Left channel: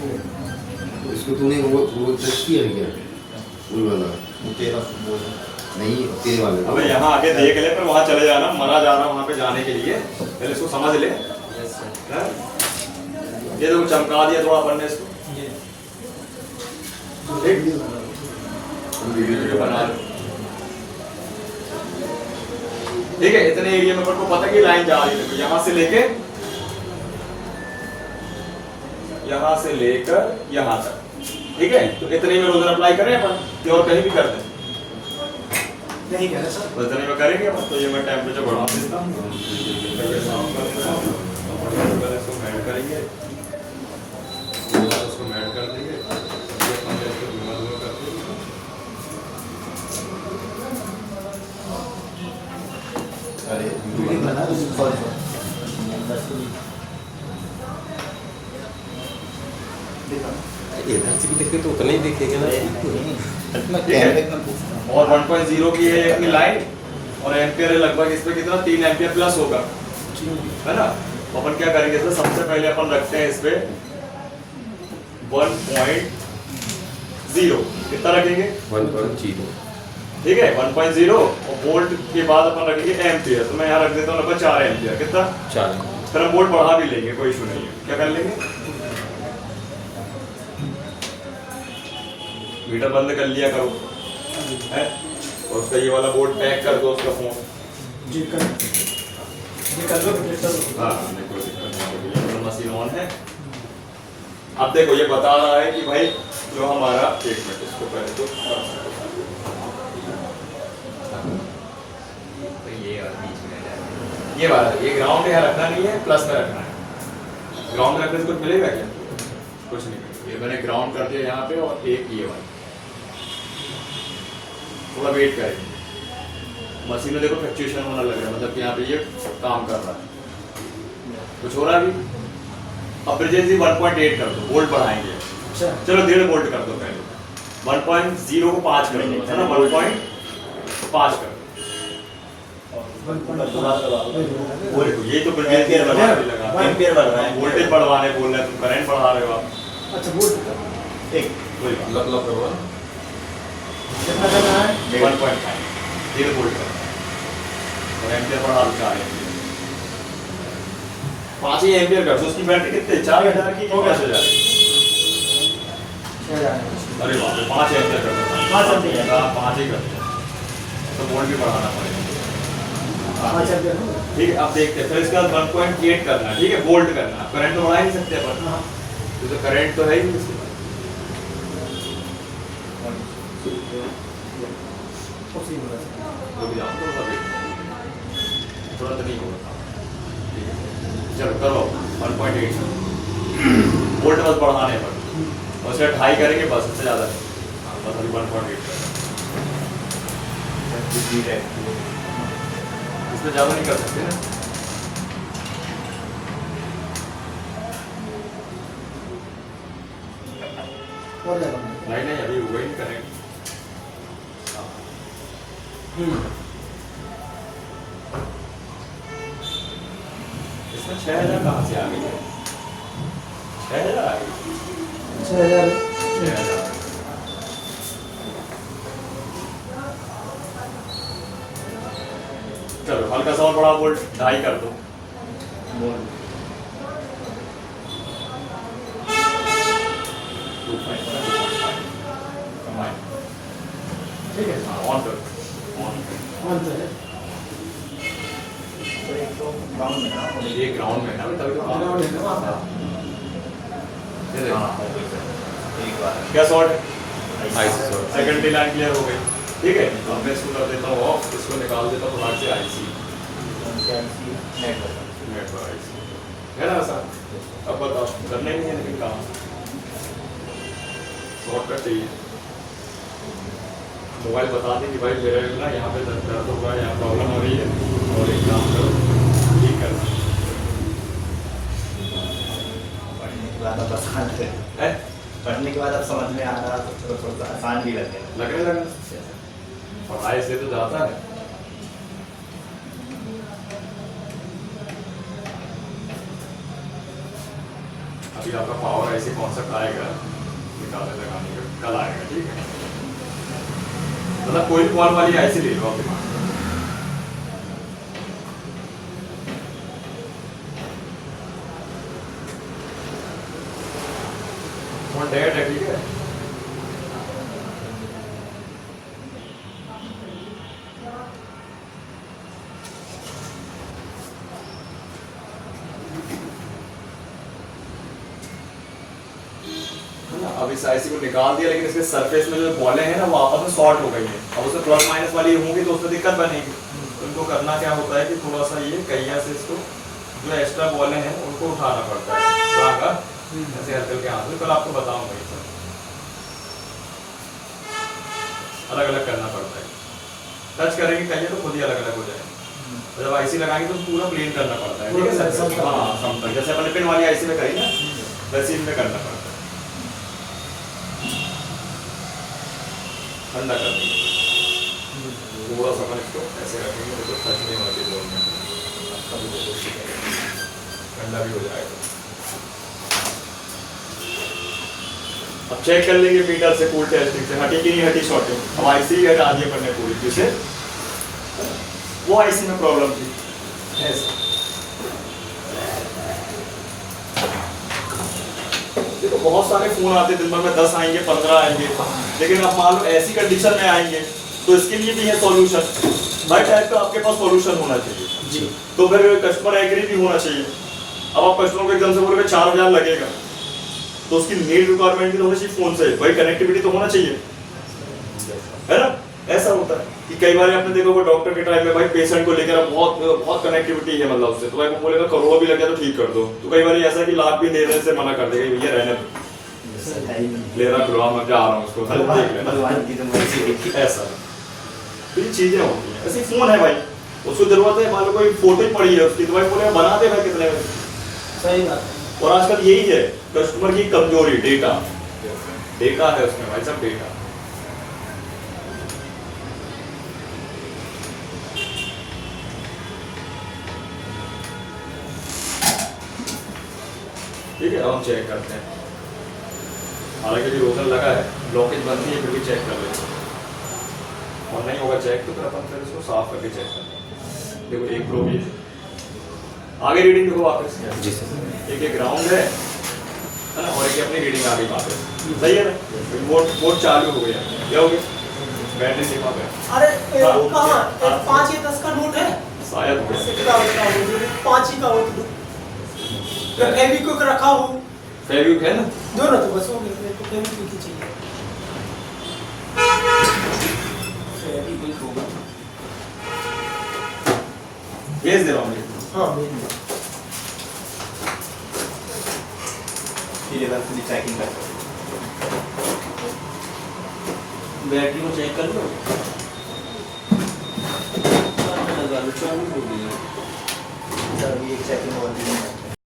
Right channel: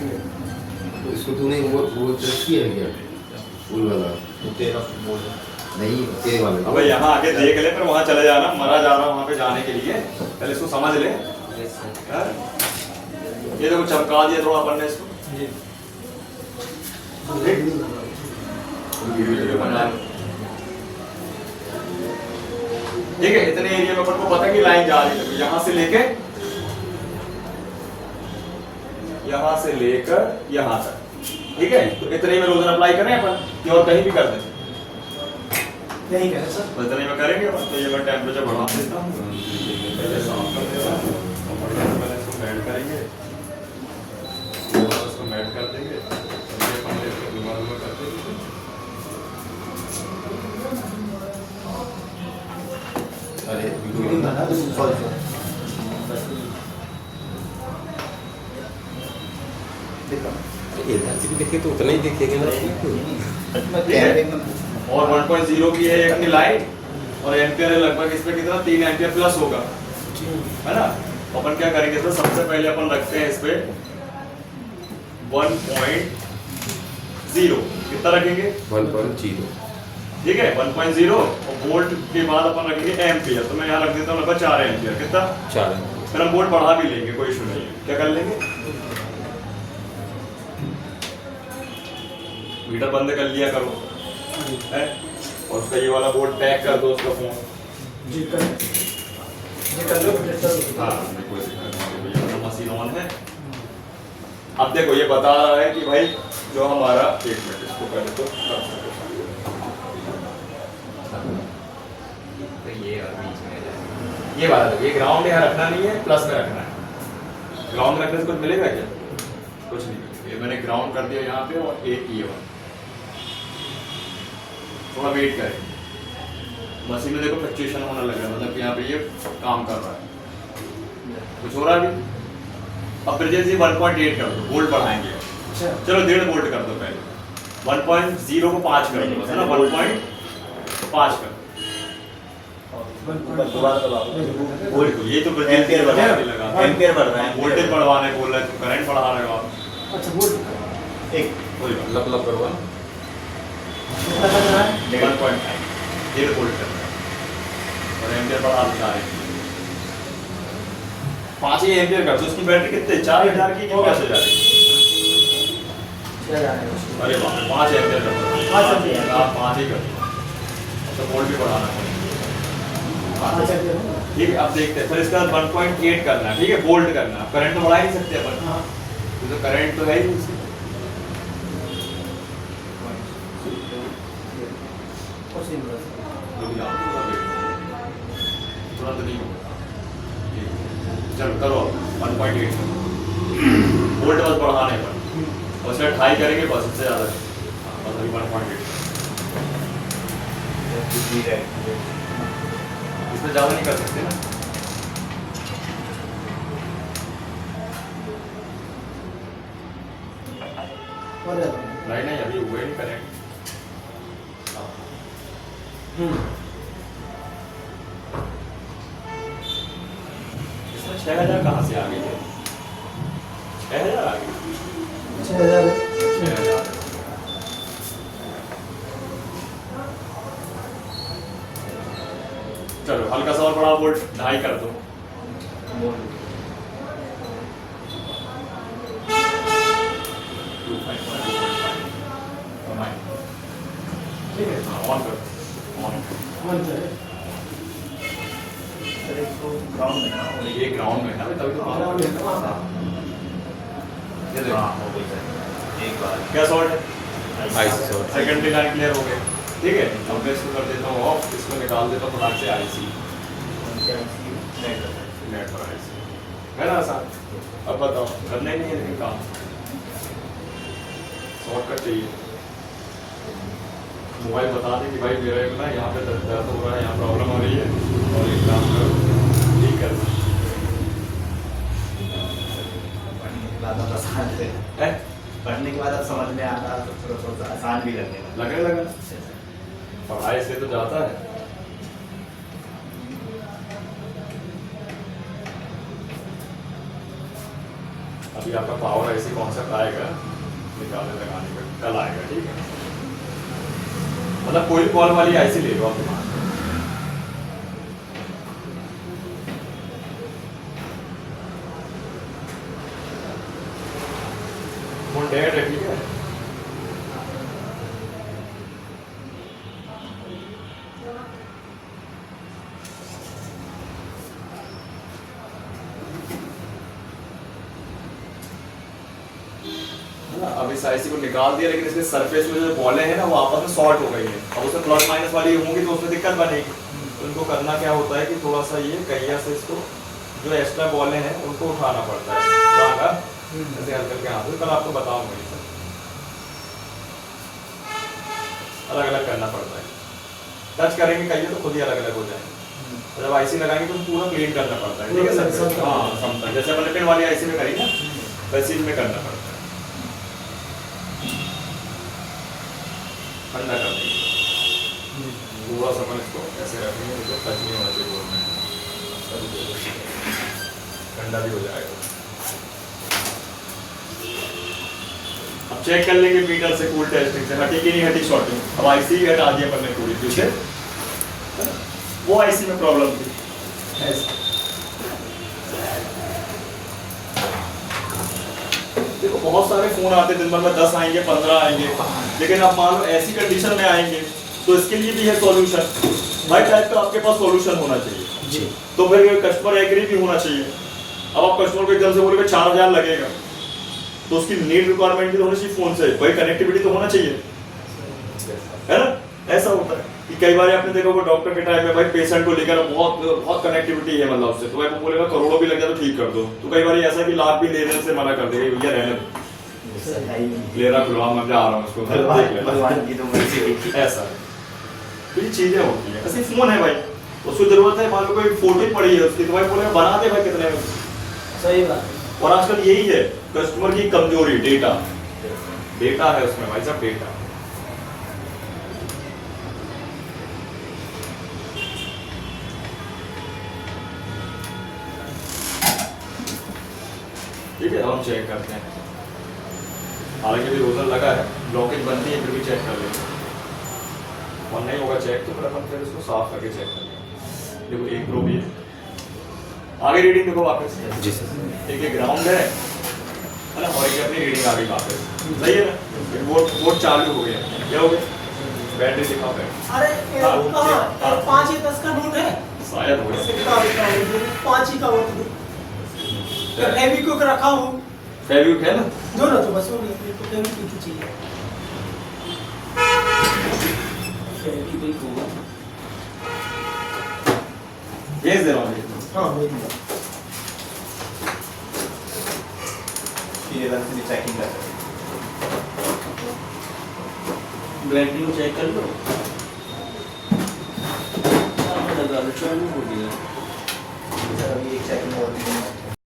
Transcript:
तो इसको तूने वो टेस्ट किया है क्या? फूल वाला वो तेरा फुटबॉल नहीं, तेरे वाले अबे यहाँ आके देख ले, पर वहाँ चले जाना, मरा जा रहा वहाँ पे जाने के लिए, पहले इसको समझ ले। हाँ? ये देखो चमका दिया थोड़ा अपन ने इसको, वीडियो बना। ठीक है, इतने एरिया में अपन को पता है कि लाइन जा रही है, तो यहाँ से लेके यहाँ तक, ठीक है। तो इतने में रोजर अप्लाई करें अपन, कि और कहीं भी कर दें? नहीं कह रहा सर, तो इतने में करेंगे अपन। तो ये मैं टेम्परेचर बढ़ा देता हूँ, पहले साफ कर देता हूँ, पहले इसको मेल्ट करेंगे, इसको मेल्ट कर देंगे, फिर अपन इसको धुआं कर देंगे। अरे वीडियो बना दो सॉरी देखो इधर से भी देखे तो उतना ही देखेंगे ना। और 1.0 की है अपनी लाइन, और एम्पियर है लगभग इस पे कितना 3 एम्पियर प्लस होगा, है ना। तो अपन क्या करेंगे, तो सबसे पहले अपन रखते हैं इस पे 1.0, कितना रखेंगे 1.0। ठीक है 1.0, और वोल्ट के बाद अपन रखेंगे एम्पियर। तो मैं यहाँ रख देता हूँ लगभग 4 एम्पियर, कितना 4। फिर हम वोल्ट बढ़ा भी लेंगे, कोई इशू नहीं है। क्या कर लेंगे, मीटर बंद कर लिया करो, है, और उसका ये वाला बोर्ड पैक कर दो, उसका फोन जी कर लो प्रोजेक्टर। हाँ कोई दिक्कत नहीं, ये मशीन ऑन है। अब देखो ये बता रहा है कि भाई जो हमारा, एक मिनट इसको पहले तो ये और बीच में आ जाएगा। ये वाला ये ग्राउंड यहाँ रखना नहीं है, प्लस में रखना है। ग्राउंड में रखने से कुछ मिलेगा क्या? कुछ नहीं। ये मैंने ग्राउंड कर दिया यहाँ पे, और एक ये वाला, थोड़ा वेट करेंगे। मशीन में देखो फ्लक्चुएशन होने लग रहा है, मतलब कि यहाँ पे ये काम कर रहा है, कुछ हो रहा है अभी। अब ब्रिजेस 1.8 कर दो, वोल्ट बढ़ाएंगे। अच्छा चलो 1.5 वोल्ट कर दो पहले, 1.0 को 5 कर दो, बस है ना, 1.5 कर दो। बिल्कुल, ये तो एम्पियर बढ़ रहा है, लगा एम्पियर बढ़ रहा है, वोल्टेज बढ़वाने बोल रहे हैं, तुम करंट बढ़ा रहे हो आप। अच्छा बोल एक कोई बात लब लब करवा। कितना करना है? 1.9 0 वोल्ट करना है, और एम्पियर बढ़ा दो 4 एम्पियर। 5 ही एम्पियर कर दो। उसकी बैटरी कितने, 4000 की, 5000 की? अरे वाह, 5 एम्पियर कर दो, 5 एम्पियर। 5 ही कर दो, तो वोल्ट भी बढ़ाना पड़ेगा। अच्छा क्या हो ठीक है, अब देखते हैं। फिर इसका 1.8 करना है, ठीक है, वोल्ट करना है। करंट तो बढ़ा ही नहीं सकते अपन, हाँ तो करंट तो है ही नहीं इसके पास। रुक जाओ, थोड़ा वेट करो, तुरंत नहीं होगा। ठीक है, चलो करो 1.8 करो, वोल्ट बस बढ़ाने पर, और उसका 2.5 करेंगे बस, उससे ज़्यादा हाँ, बस अभी 1.8 इसमें ज़्यादा नहीं कर सकते ना। और ज्यादा नहीं नहीं, अभी हुए नहीं करेंगे। इसमें 6000 कहाँ से आ गई है? 6000 आ गई, 6000 6000। चलो हल्का सा और बड़ा वोल्ट 2.5 कर दो। ठीक है ऑन कर, ऑन। मान जाए ग्राउंड में ना, और ये ग्राउंड में है ना, तभी तो ऑन ग्राउंड है ना वहाँ ये देखो, हाँ, हो गई सर। एक बार क्या शॉर्ट है? सेकेंडरी लाइन क्लियर हो गई। ठीक है, अब मैं इसको कर देता हूँ ऑफ, इसको निकाल देता हूँ फटाक से आईसी, नेट पर आईसी है ना सर। अब बताओ, करना ही नहीं है लेकिन काम, शॉर्टकट चाहिए। मोबाइल बता दें कि भाई मेरा ना यहाँ पे दर्द हो रहा है, यहाँ प्रॉब्लम आ रही है, और एक काम करो, ठीक करना है। पढ़ने के बाद अब समझ में आ रहा, तो थोड़ा आसान भी लगने लगा। लगे पढ़ाई से तो जाता है। अभी आपका पावर ऐसे कॉन्सेप्ट आएगा निकालने लगाने का कल आएगा, ठीक है। मतलब कोई कॉल वाली ऐसी ले लो आप दिमाग में। वो डेड है, ठीक है। अब इस आईसी को निकाल दिया, लेकिन इसके सरफेस में जो बॉलें हैं ना वो आपस में शॉर्ट हो गई हैं। अब उसमें प्लस माइनस वाली होंगी तो उसमें दिक्कत बनेगी। तो इनको करना क्या होता है कि थोड़ा सा ये कहिया से इसको जो एक्स्ट्रा बॉलें हैं उनको उठाना पड़ता है, ऐसे हल्के हल्के हाथ से। कल आपको बताऊंगा ये सब अलग अलग करना पड़ता है। टच करेंगे कहिए तो खुद ही अलग अलग हो जाएंगे। और जब आईसी लगाएंगे तो पूरा क्लीन करना पड़ता है, ठीक है सर। हाँ, समझ जैसे अपने पिन वाली आईसी में करी ना वैसे इनमें करना पड़ता है। ठंडा कर देंगे पूरा समय, इसको ऐसे रखेंगे तो टच नहीं होना चाहिए बोर्ड में, ठंडा भी हो जाएगा। अब चेक कर लेंगे मीटर से कूल टेस्टिंग से हटी कि नहीं हटी शॉर्टिंग। अब आईसी हटा दिया पड़ने पूरी, जिससे वो आईसी में प्रॉब्लम थी ऐसा। देखो बहुत सारे फोन आते दिन भर में 10 आएंगे 15 आएंगे, लेकिन आप मान लो ऐसी कंडीशन में आएंगे तो इसके लिए भी है सॉल्यूशन। भाई टाइप का आपके पास सॉल्यूशन होना चाहिए जी। तो फिर कस्टमर एग्री भी होना चाहिए। अब आप कस्टमर को एकदम से बोलोगे 4000 लगेगा तो उसकी नीड रिक्वायरमेंट भी तो होनी चाहिए फोन से, भाई कनेक्टिविटी तो होना चाहिए, है ना। ऐसा होता है कि कई बार आपने देखा होगा डॉक्टर के टाइम में भाई पेशेंट को लेकर बहुत बहुत कनेक्टिविटी है मतलब उससे, तो भाई वो बोलेगा करोड़ों भी लग जाए तो ठीक कर दो। तो कई बार ऐसा कि लाख भी लेने से मना कर देगा, भैया रहने ले रहा खुलवा मैं जा रहा हूँ उसको भगवान की तो मर्जी ऐसा। तो ये चीजें होती हैं। ऐसे फोन है भाई, उसको जरूरत है, मान लो कोई फोटो ही पड़ी है उसकी तो भाई बोले बना दे भाई कितने में। सही बात है। और आजकल यही है कस्टमर की कमजोरी, डेटा है उसमें भाई सब डेटा। ठीक है, हम चेक करते हैं। हालांकि भी रोजर लगा है, ब्लॉकेज बनती है फिर भी चेक कर लेते हैं, और नहीं होगा चेक तो फिर अपन फिर उसको साफ करके चेक कर लेंगे। देखो एक प्रो भी आगे रीडिंग देखो वापस जी सर, एक ग्राउंड है ना, और एक अपनी रीडिंग आ गई वापस, सही है ना। वो चालू हो गया, क्या हो गया बैटरी दिखा पे। अरे वो कहां 5 या 10 का नोट है शायद हो गया 5 ही का हो। फेविक्विक रखा हूं, फेविक्विक है ना, दो ना तो बस हो गई। फेविक्विक ही चाहिए, फेविक्विक होगा। भेज दे रहा हूँ। हां भेज दो। ये वाला पूरी चेकिंग कर, बैटरी को चेक कर लो। चालू हो गई है। चलो ये चेकिंग और